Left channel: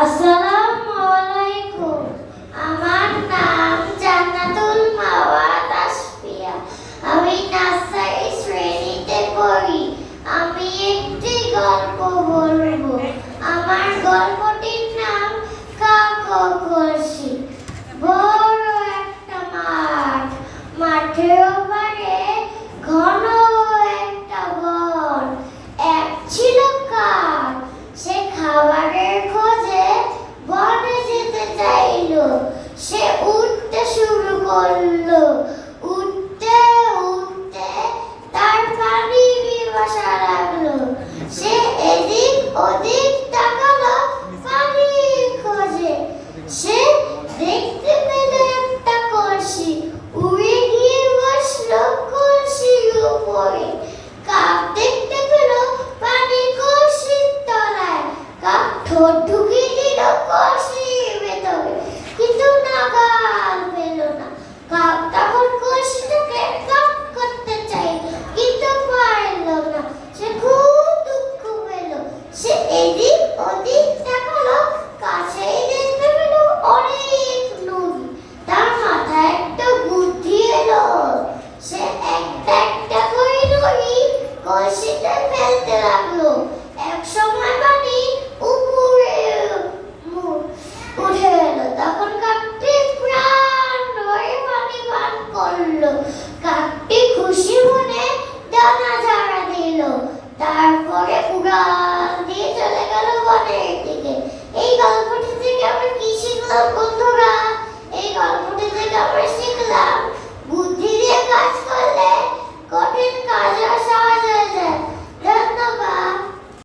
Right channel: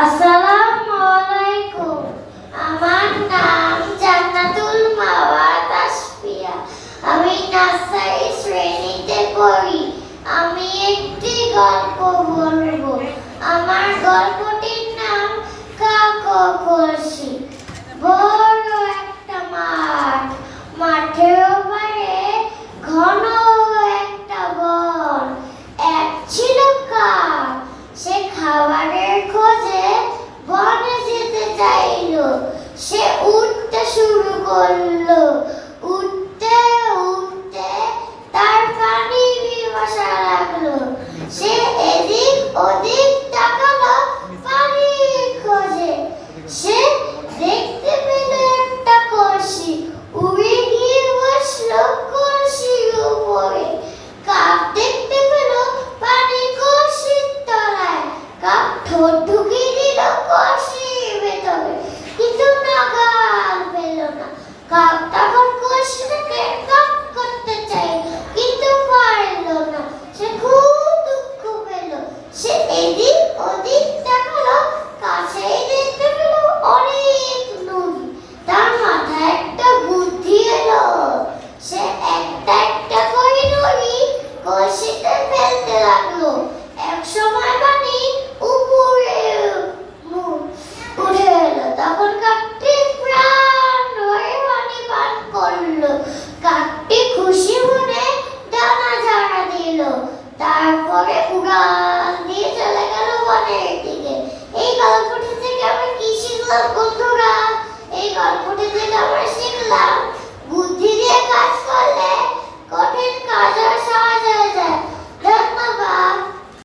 আসসালামু করল উঠতে উঠতে তার পানি পিপাসা লাগল। সে এদিক ওদিক তাকালো পানি খোঁজে। সে দেখতে পেল একটা কলসি, উড়ে গিয়ে বসল কলসির পানি কলসির তলায়। কাক ঠোঁট বড়শিতে ফেলতে লাগল এক সময় পানি উপরে উঠে এলো। তখন কাকটি প্রাণ পানি পান করল। কাকটি খুশি মনে দানা ঝাড়া দিল। তারপরে উড়াল দিয়ে চলে গেল বনের দিকে। এই গল্পটি থেকে আমরা কি শিখলাম